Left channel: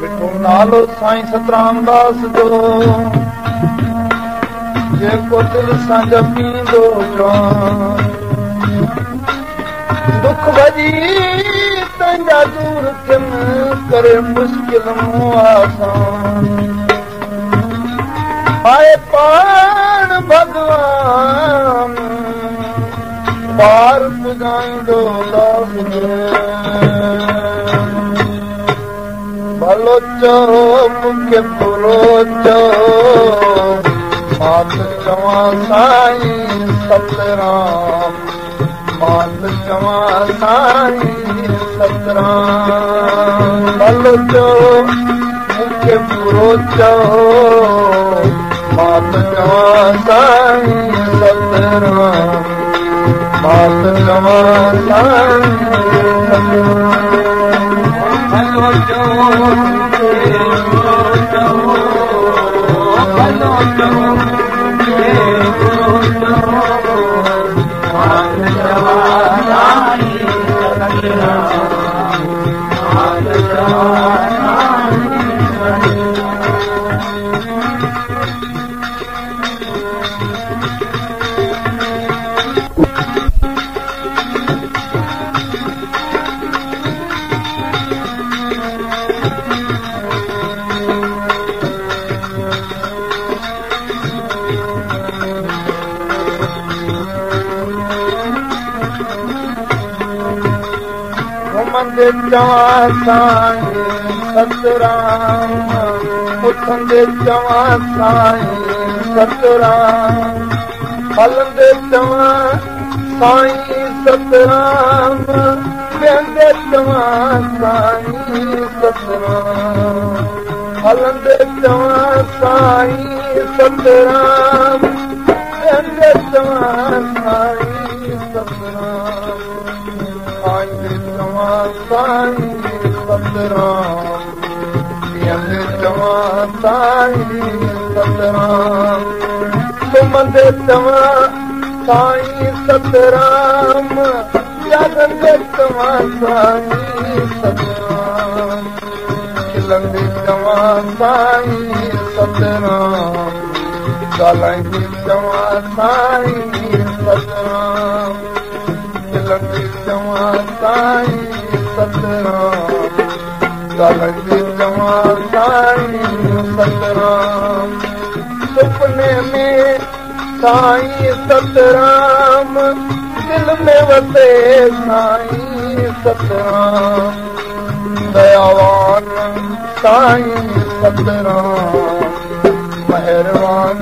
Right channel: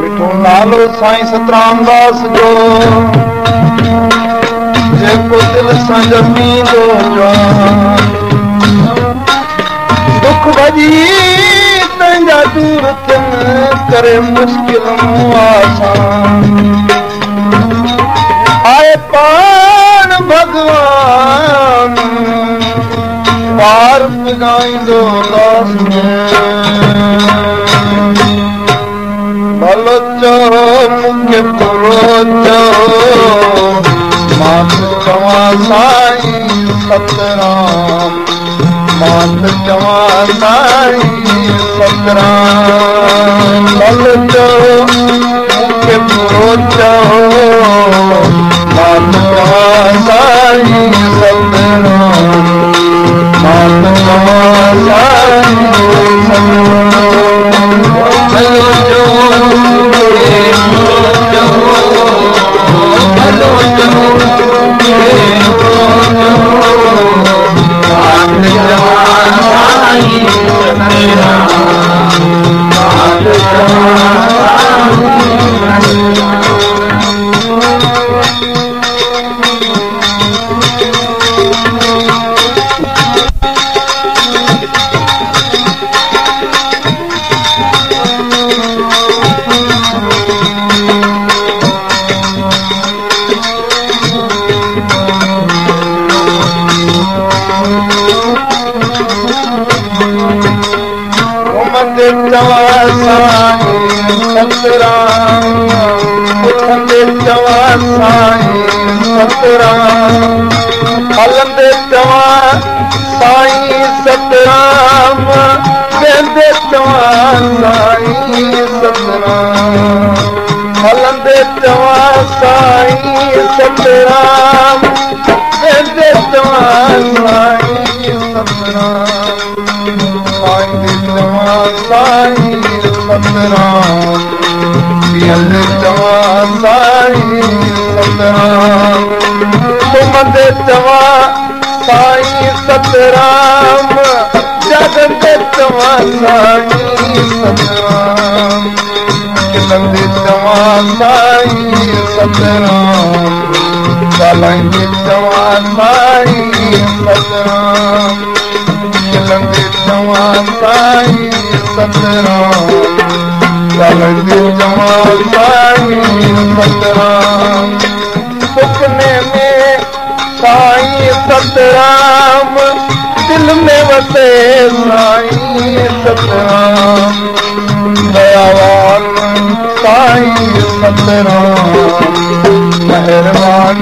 मिठो नालो साईं सतराम दास जो जेको दिल सां जपींदो जान दुख भॼी तंहिंजा दूर थियनि करे मुश्किल मूं आसान आए पाण भॻवान पार पुॼाईंदो दास भलो चओ मूंखे बुरो चओ मां त चवां साईं सतराम मां त चवां साईं सतराम भलो चओ मूंखे बुरो चओ मां त चवां साईं सतराम मां त चवां साईं सतराम भलो चओ चवां साईं सतराम उथंदे चवां साईं सतराम हलंदे चवां साईं सतराम वेंदे चवां साईं सतराम हलंदे चवां साईं सतराम वेंदे चवां साईं सतराम खाईंदे चवां साईं सतराम पीअंदे चवां साईं सतराम सुम्हंदे चवां साईं सतराम जागंदे चवां साईं सतराम खिलंदे चवां साईं सतराम ॻाल्हाईंदे चवां साईं सतराम खिलंदे चवां साईं सतराम ॻाल्हाईंदे चवां साईं सतराम सुपने में साईं सतराम दिल में वसे साईं सतराम दयावान साईं सतराम मेहरबान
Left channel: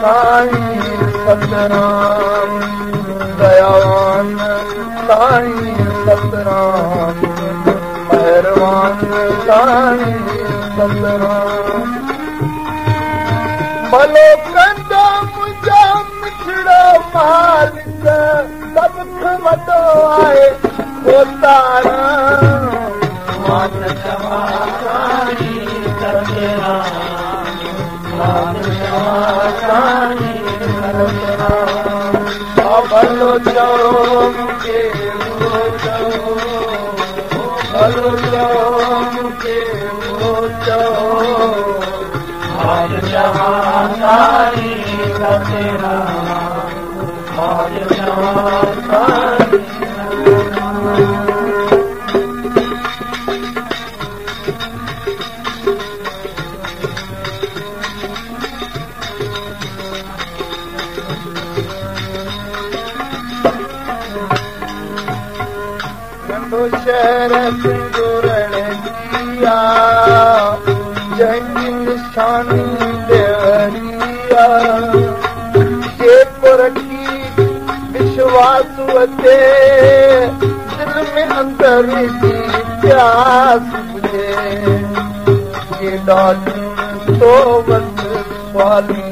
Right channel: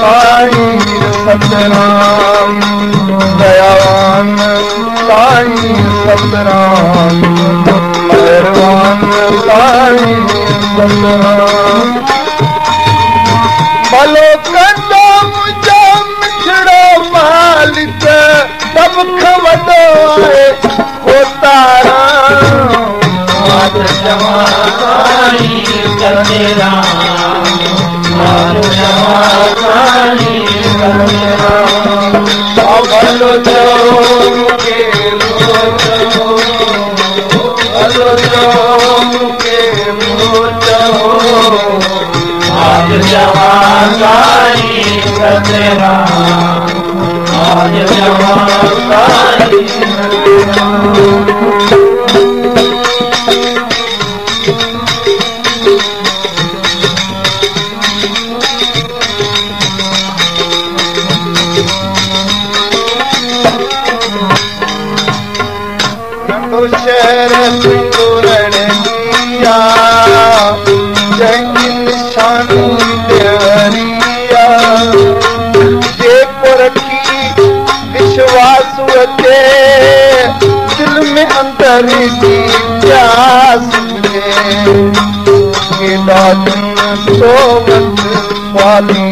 साईं सतराम दयावान साईं सतराम मेहरबान साईं सतराम भलो कंदो मुंहिंजो मिठड़ो मालिक सभ खां वॾो आहे कोतारा मां त चवां साईं सतराम भलो चओ मूंखे भलो चओ मूंखे आज चवां साईं सतराम आज चवां साईं शहर रणजिया जंहिंजी निशानी देवरिया जेको रखी विश्वास अचे दिल में अंदर जी प्यास हुजे केॾा दिन तो वक़्तु स्वाली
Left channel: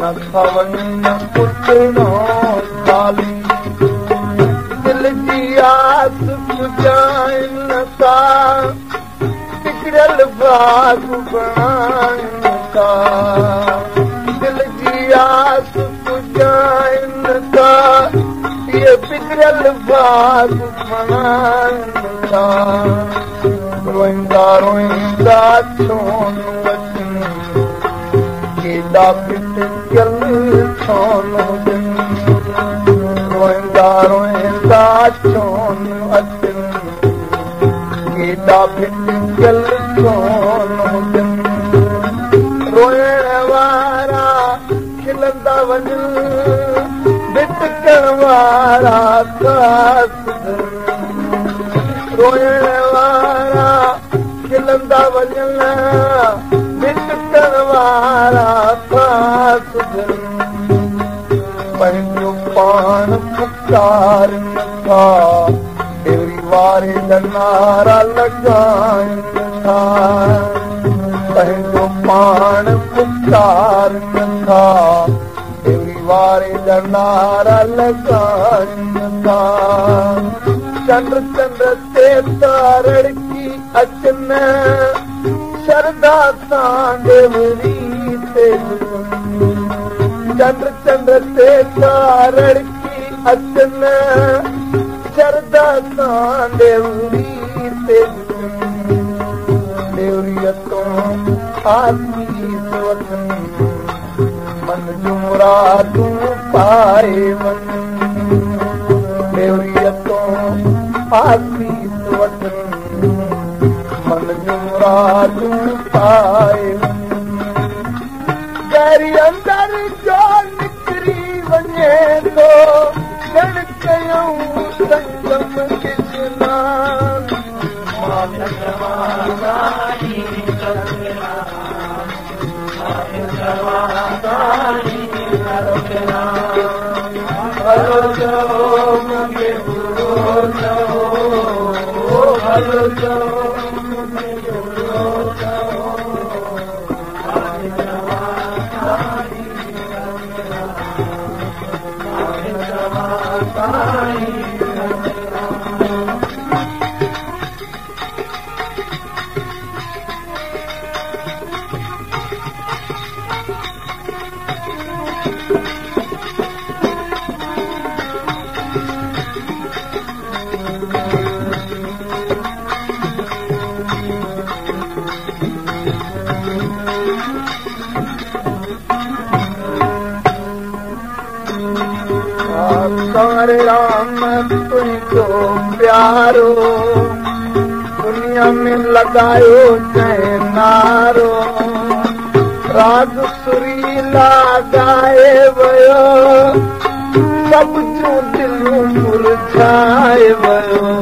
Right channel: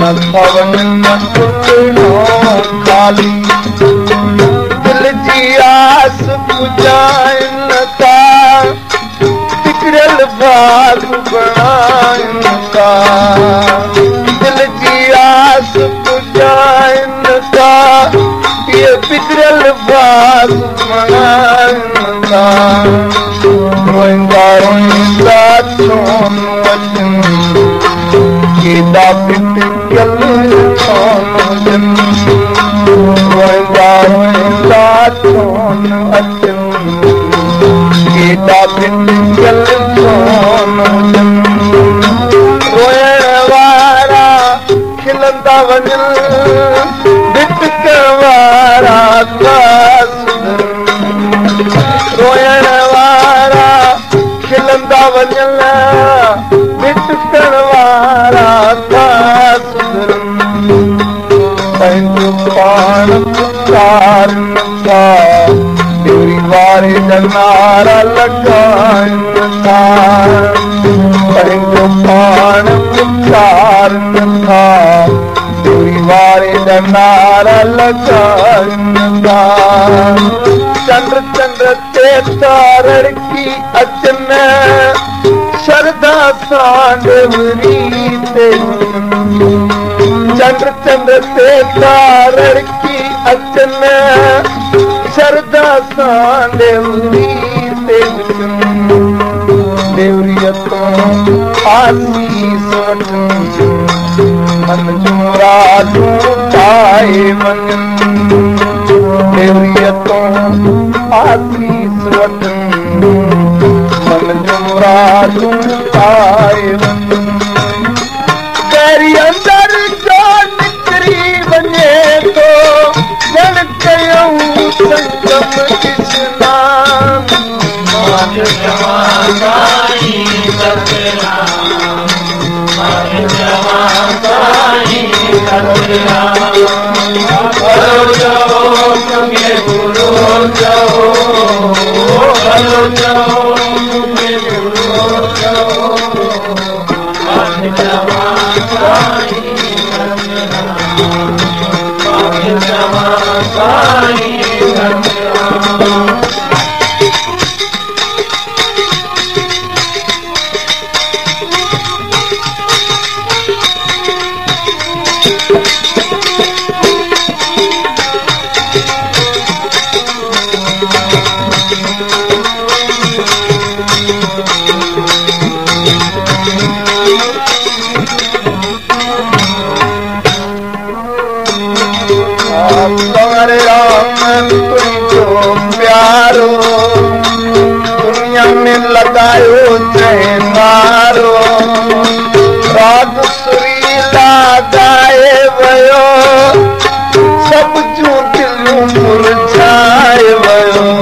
नथा वञनि न पुछणो खाली दिल जी आस पुॼाइनि राग बणाइनि था, दिल जी आस पुॼाइनि था, ये बिगड़ल बाग बणाइनि था। रोईंदा रोईंदा छो न अचनि, केॾा भिटकियल छो न हुजनि। रोईंदा रोईंदा छो न अचनि, केॾा भिटकियल छो न हुजनि। रोइण वारा खिलंदा वञनि, भिटकण वारा था सुधरनि। रोइण वारा खिलंदा वञनि, भिटकण वारा था सुधरनि। पंहिंजो पाण पुकारनि था, ॾेरी वारे जा नारा लॻाइनि था। पंहिंजो पाण पुकारनि था, ॾेरी वारे जा नारा लॻाइनि था। चंड चंड ते तारड़की अचनि, शरदा सां ॾेवरी ते झुकनि। चंड चंड ते तारड़की अचनि, शरदा सां ॾेवरी ते झुकनि। ॾेवरीअ तूं आसीस वठनि, मन जूं मुरादूं पाए वञनि। ॾेवरीअ तूं आसीस वठनि, मन जूं मुरादूं पाए वञनि। गैरी अंदर जो निकिरी वञे थो, ॼण कयूं संगम स्नान। हरे राम तुझो प्यारो, दुनिया में लगायो जय नारो। राग सुरीला गाए वयो, सब जूं दिलूं मुरझाए वयो।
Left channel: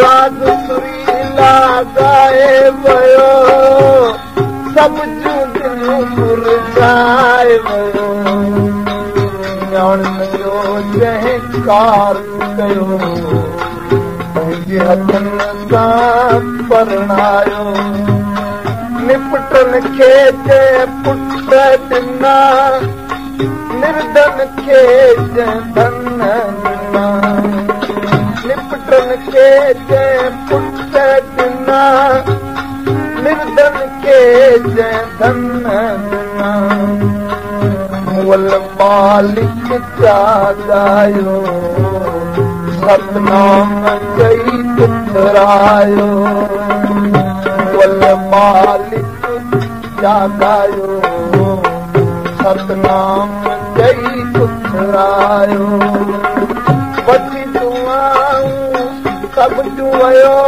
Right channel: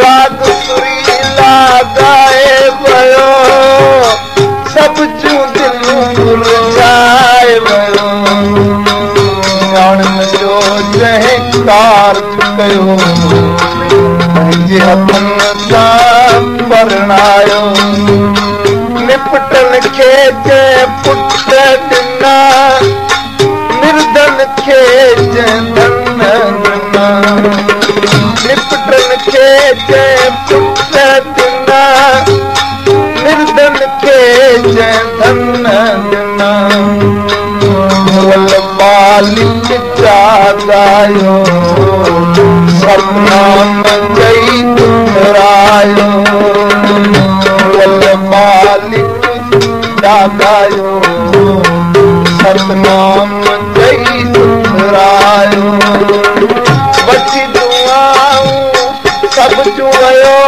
राग सुरीला गाए वयो, सब जूं दिलूं मुरझाए वयो। ॼाणनि जो जंहिं कारज कयो, पंहिंजे हथनि सां परणायो। निपटनि खे जंहिं पुट ॾिना, निर्धन खे जंहिं धन ॾिना। निपटनि खे जंहिं पुट ॾिना, निर्धन खे जंहिं धन ॾिना। मुअल मालिक जाॻायो, सतनाम चई उथरायो। मुअल मालिक जाॻायो, सतनाम चई उथरायो। वठी दुआऊं सभ जूं वयो,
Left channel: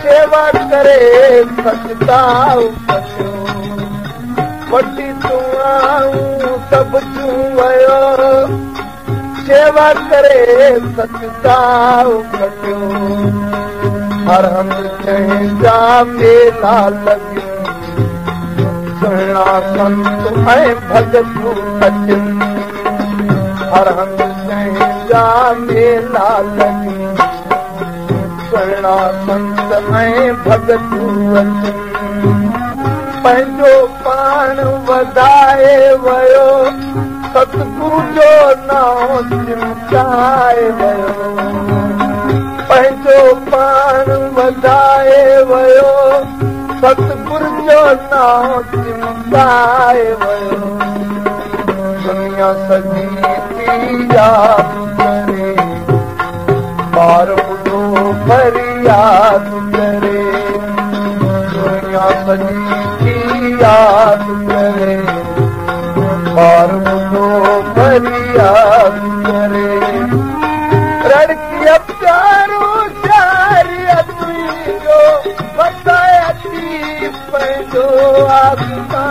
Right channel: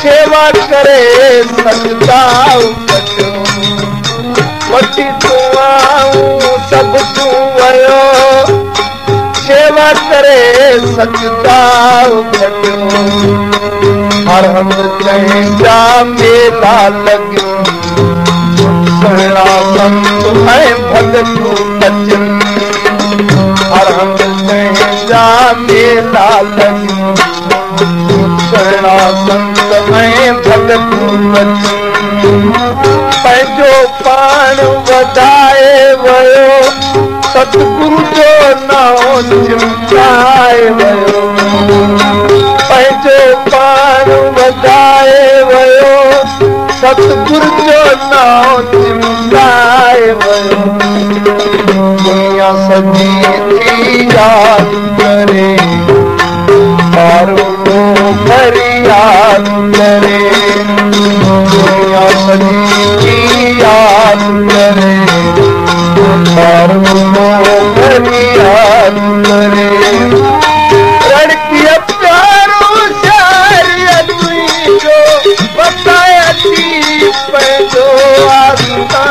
सेवा करे सजदाऊं कजो। वठी दुआऊं सभ जूं वयो, सेवा करे सजदाऊं कजो। हर हंधि जंहिंजा मेला लॻियूं, सुहिणा संत ऐं भॻतूं अचनि। हर हंधि जंहिंजा मेला लॻियूं, सुहिणा संत ऐं भॻतूं अचनि। पंहिंजो पाण वधाए वयो, सतगुरु जो नाम चिमकाए वयो। पंहिंजो पाण वधाए वयो, सतगुर जो नाम चिमकाए वयो दुनिया सजी थी याद करे बार बुढ़ो फरियाद करे दुनिया सजी थी याद करे बार बुढ़ो फरियाद करे लड़किया प्यारो शारिया तुई जो बताया थी पैदो आस्था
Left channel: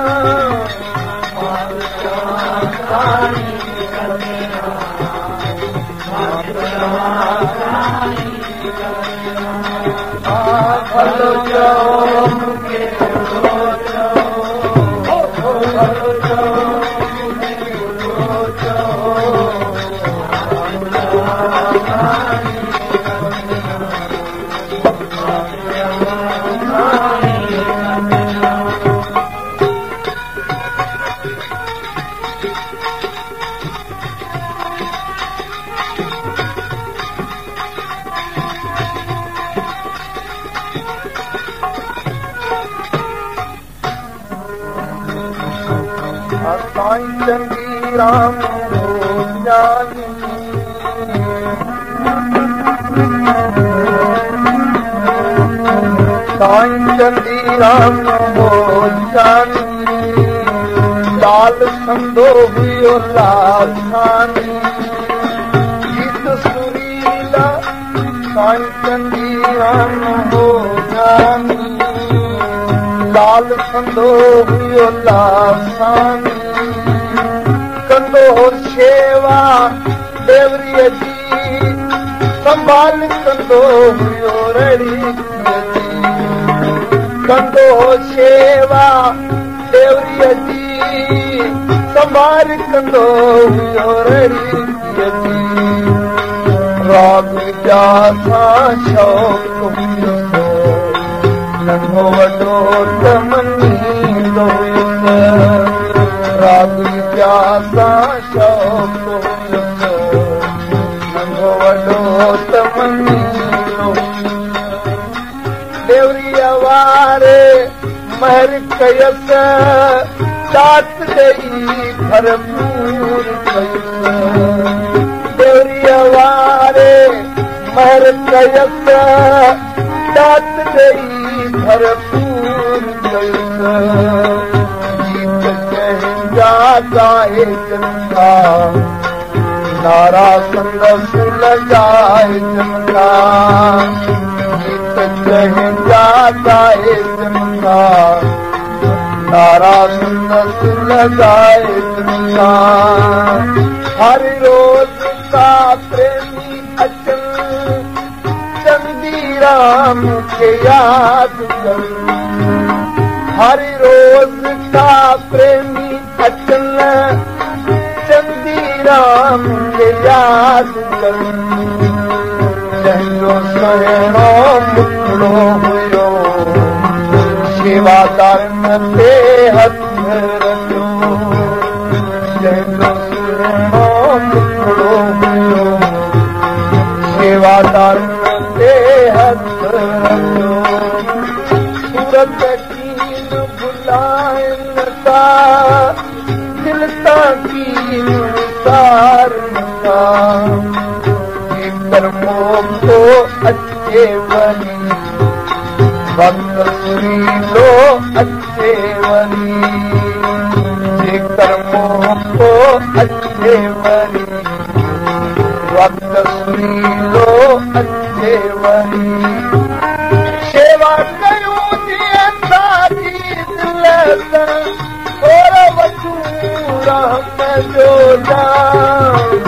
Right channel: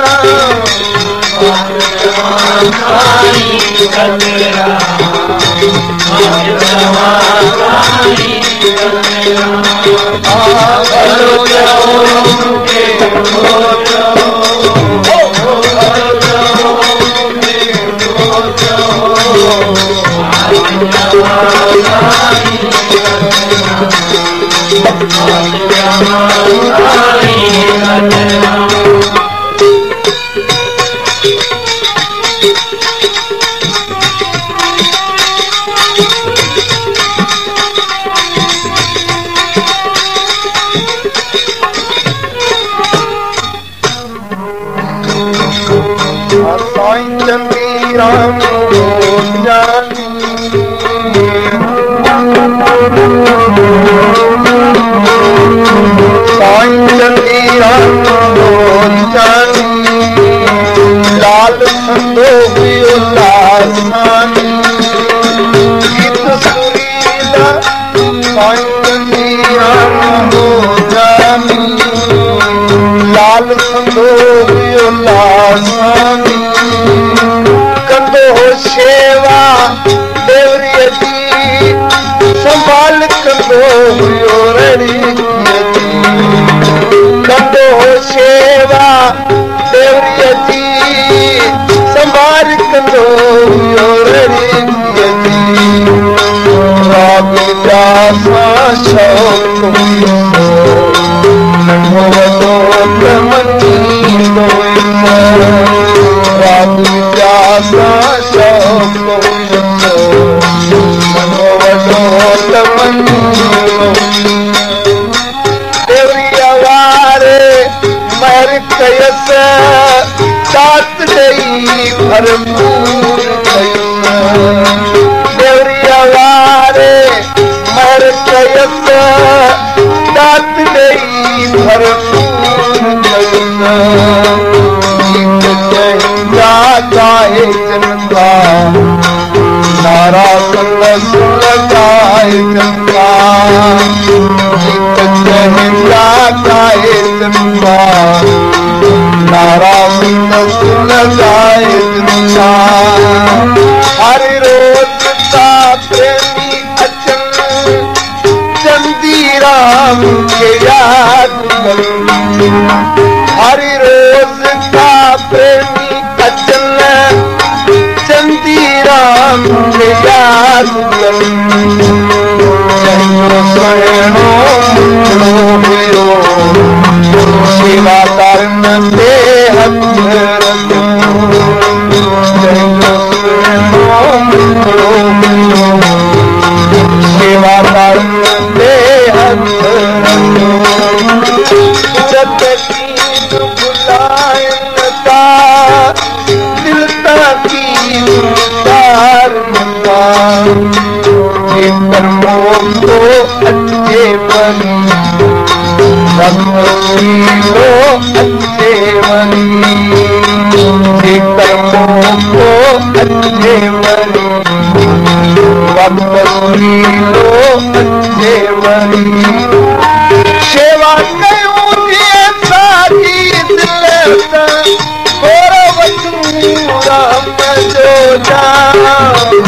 साईं चंदी राम जानी साईं चंदी राम जानी लाल संदो हुयो लासानी गीत सुरीला साईं चंदी राम जानी लाल संदो हुयो लासानी कंदो हो शेवा देवरीअ जी संभाल कंदो हुयो रड़ीअ जी कंदो हो शेवा देवरीअ जी संभाल कंदो हुयो रड़ीअ जी राग विद्या सां शौक़ हुयो नंढो वॾो त मञींदो राग विद्या सां शौक़ हुयुसि नंढो वॾो त मञींदो देवरीअ वारे महर कयसि दात ॾेई भरपूर कयुसि देवरीअ वारे महर कयसि दात ॾेई भरपूर कयुसि गीत चहिंदा गाए जनता नारा संदसि लॻाए जनता गीत चहिंदा गाए जनता नारा संदसि लॻाए जनता हर रोज़ ता प्रेमी अचनि चंदी राम के याद कर हर रोज का प्रेमी अचल चंदी राम के याद कर जंहिंजो सुहिणो मुखड़ो हुयो सेवादारनि ते हथ रखियो जंहिंजो सुहिणो मुखड़ो हुयो सेवादारनि ते हथ रखियो सूरत कीन भुलाइनि था दिल तां कीन विसारनि था जेकर मौक़ो अचे वरी वक़्तु सुरीलो अचे वरी जेकर मौक़ो अचे वरी वक़्तु सुरीलो अचे वरी शेवा कयूं जीअं साजी दिल सां गोर वठूं राम जो जाम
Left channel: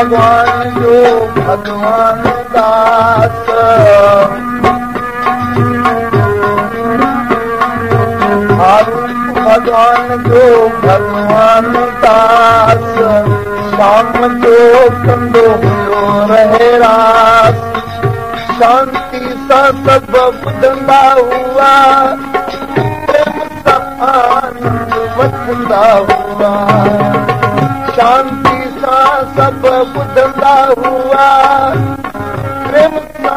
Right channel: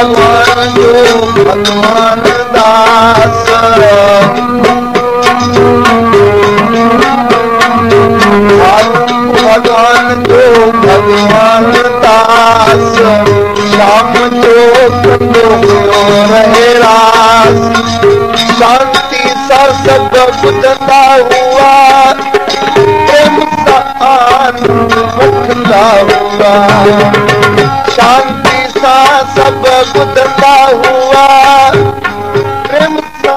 भगवान जो भगवान दास भगवान जो भगवान दास शाम जो कंदो हुयो रहे रास शांति सा सब ॿुधंदा हुआ प्रेम सा आनंद वठंदा हुआ शांति सा सब ॿुधंदा हुआ प्रेम सा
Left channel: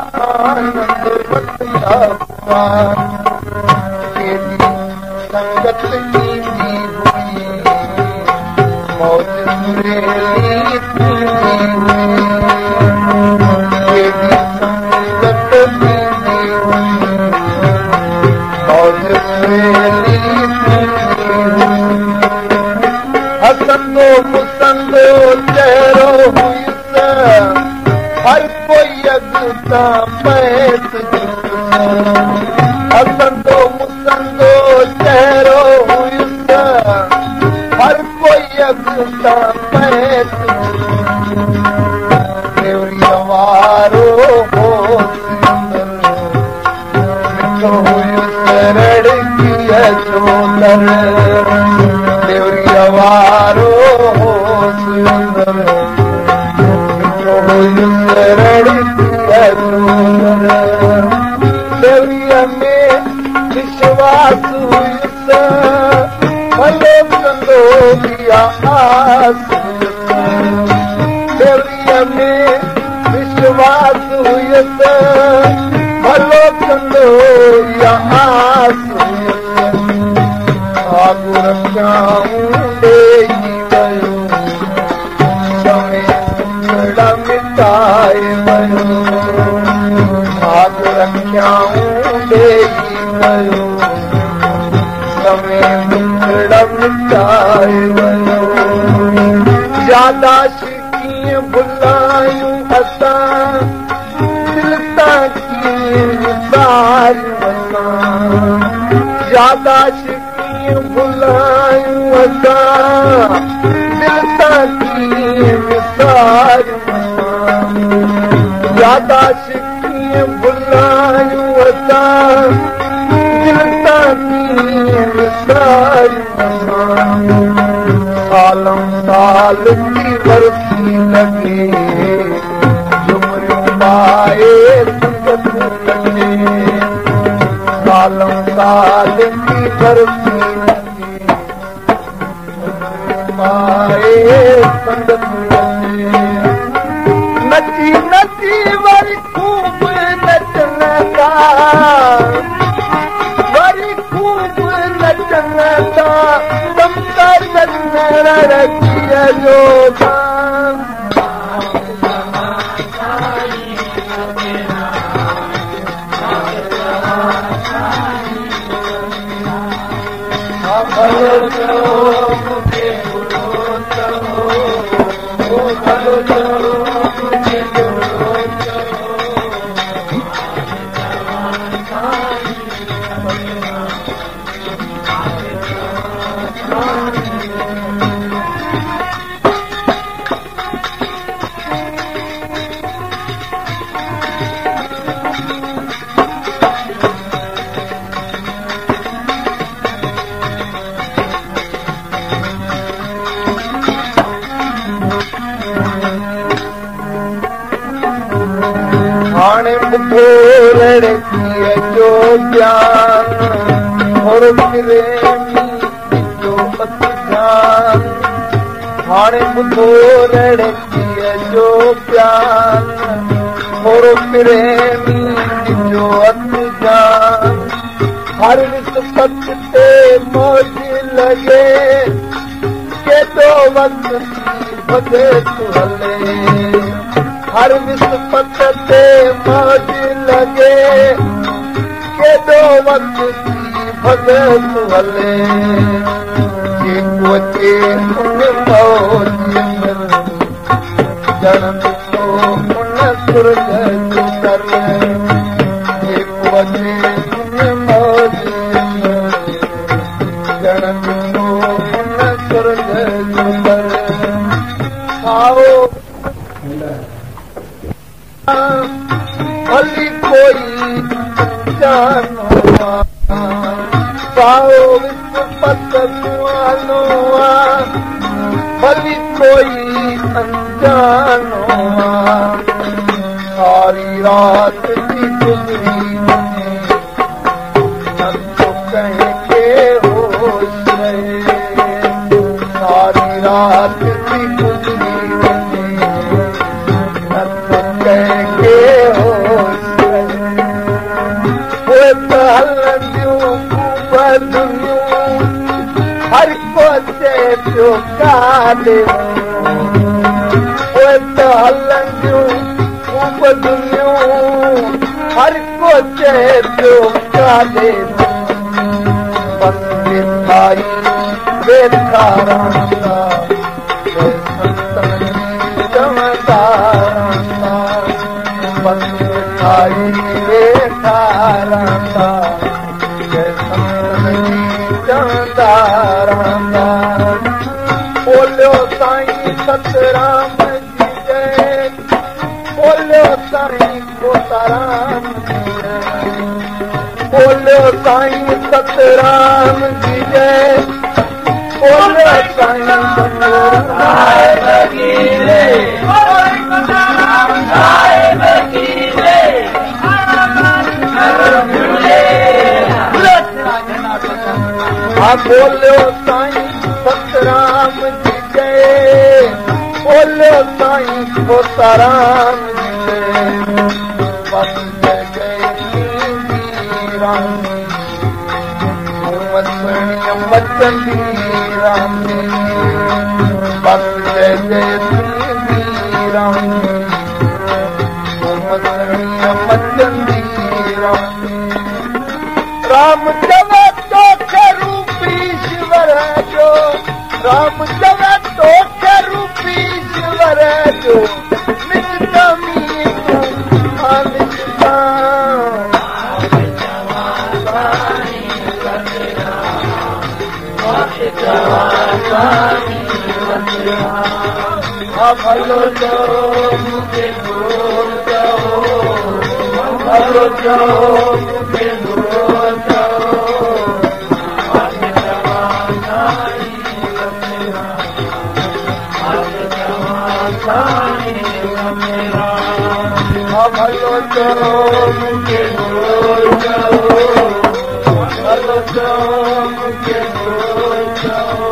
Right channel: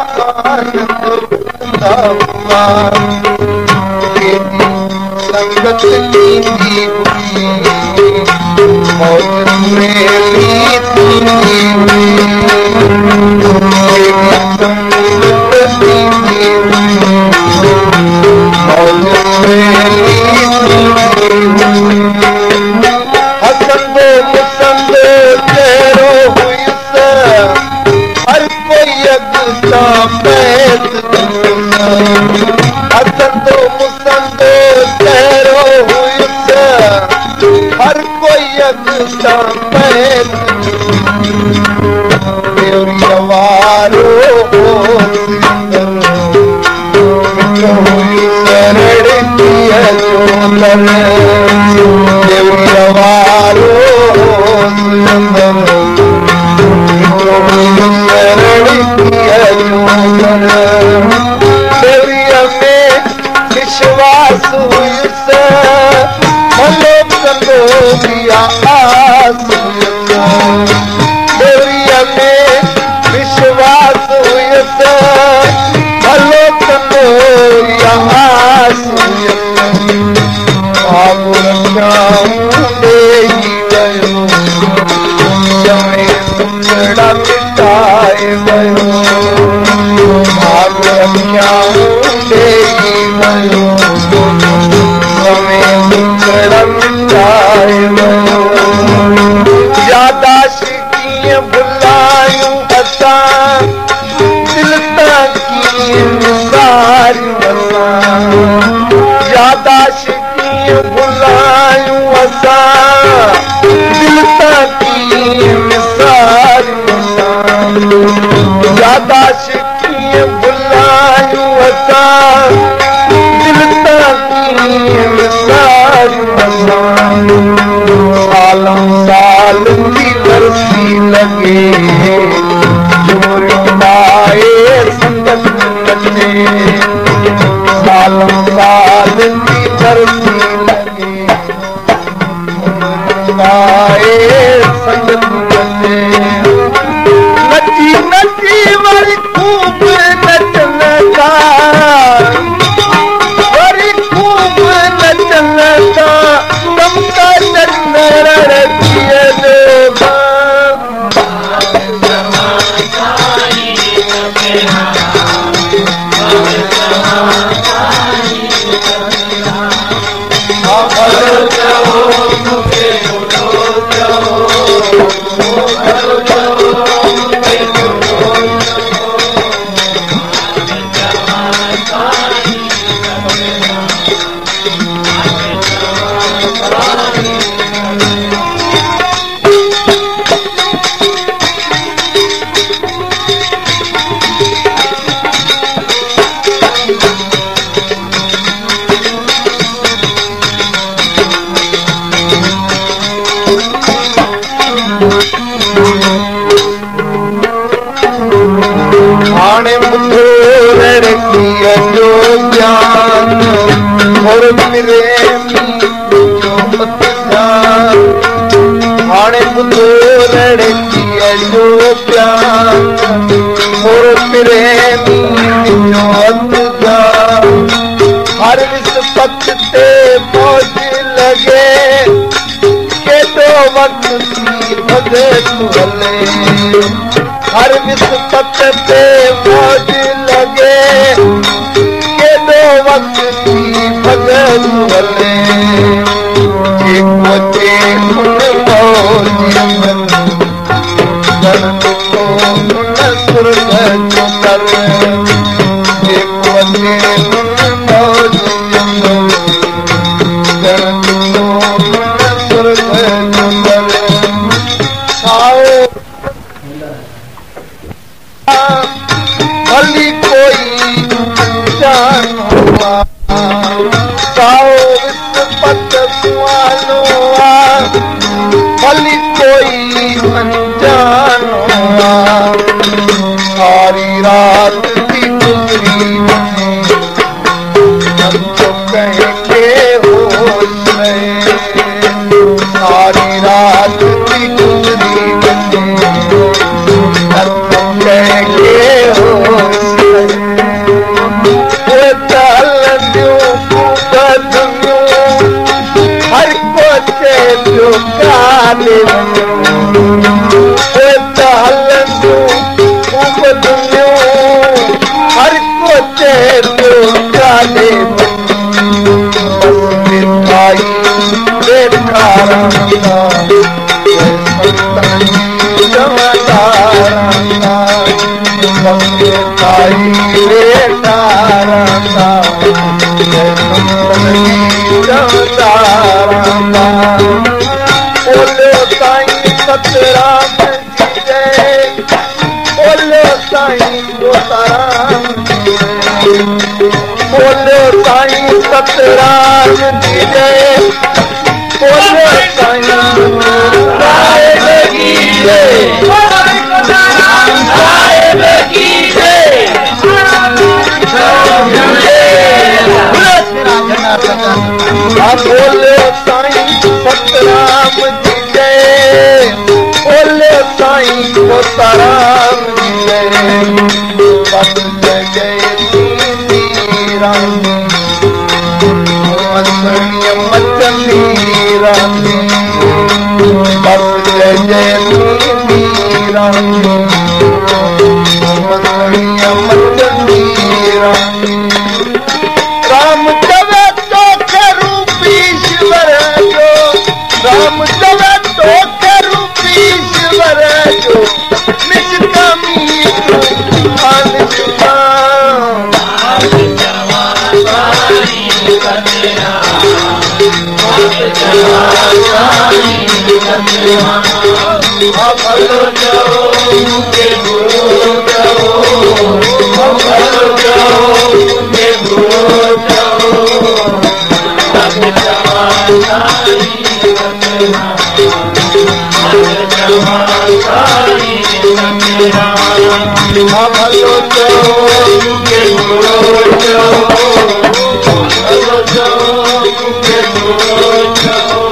आनंद वठंदा हुआ संगत कींदी हुई मौज सुरेली थींदी हुई संगत कींदी हुई मौज सुरेली थींदी हुई हसंदो मुसंदो चेहरो हुयुस हर कोई अॻिता पैत हसंदो मुसंदो चेहरो हुयुस हर कोई अॻिता पैत देवरीअ वारो होसि अंदर मिठो हुयुस रड़कीअ जो दर देवरीअ वारो होसि अंदर मिठो हुयुस रड़कीअ जो दर देवरीअ में विश्वास हुयुस भलो कंदो बिया आस हुयुस देवरीअ में विश्वास हुयुस भलो कंदो बिया आस हुयुस आगु रखियाऊं ॾेई वियो चवे टुकड़ा मिटाए वियो आगु रखियाऊं ॾेई वियो समय टुकड़ा मिटाए वियो यादाश्त कीअं भुलायूं असां दिल तां कीअं विसारियूं असां यादाश्त कीअं भुलायूं असां दिल तां कीअं विसारियूं असां यादाश्त कीअं भुलायूं असां दिल तां कीअं विसारियूं असां सालों साल थी बरसी लॻे झुमरियूं पाए संगत कटे सालों साल थी बरसी लॻे झुमरियूं पाए संगत कटे नची नची वरी खूब नचन था वरी खूब नचन था दमका चन्नर रखिए जो हाणे ॿुधो लड़कीअ जो ज्ञान और प्रेमी जो ध्यान हाणे ॿुधो लड़कीअ जो ज्ञान और प्रेमी जो ध्यान हर विस्पत ते मौज लगे केॾो वक्त थी भॻे तूं हले हर विस्पत ते मौज लगे केॾो वक्त थी भॻे तूं हले जेको अचे उन मौज अंदरि उन सुर्ग जो दर जेको अचे उन मौज अंदरि उन सुर्ग जो दर साओ भली कोई अनजान हुआ पाओ विस्पत सुहानो भली कोई अनजान हुआ सारी रात की गुजरी तो कहेंगे होश रहे सारी रात की गुजरी तो कहेंगे होश रहे वो तलूं बदलूं हर को चेपियो काले वो तलूं बदलूं हर को चेपियो काले आई देखा रंगा जमदारंगा बंदे आई देखा रंगा जमदारंगा बोलो साईं सतराम जी जय बोलो साईं कोताराम जी बोलो साईं सतराम जी जय बोलो साईं सतराम जी जय बोलो साईं सतराम जी जय बोलो साईं कोताराम जी जय बस जय जय रानी मसणिय मचली रानी बस जय जय रानी मसणिय मचली रानी राम चवे तो रूपी ईश्वर जो राम चवे तो रूपी ईश्वर जो निष्कामी तू अनजुमा भलो जाओ मुझे भूल जाओ भलो जाओ मुझे भूल जाओ भलो जाओ मुझे भूल जाओ भलो जाओ मुझे भूल जाओ